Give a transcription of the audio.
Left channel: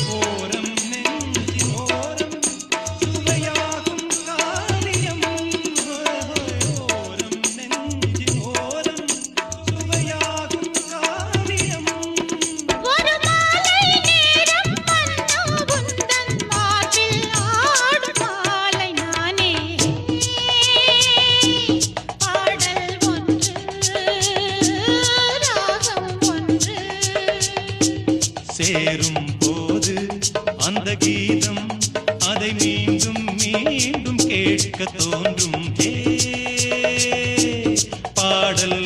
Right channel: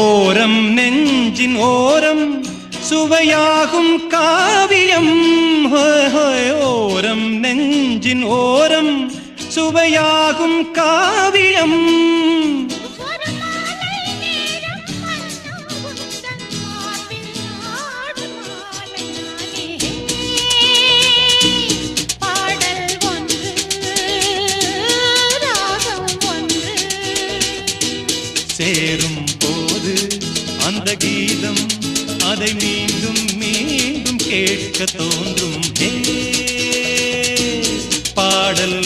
ஓரம் நெஞ்சின் ஓரம் சுவையாகும் காவியம். ஓரம் நெஞ்சின் ஓரம் சுவையாகும் காவியம். சேரும் போது அந்த கீதம் அதை மீண்டும் மீண்டும் கேட்க தோன்றும். பாடல்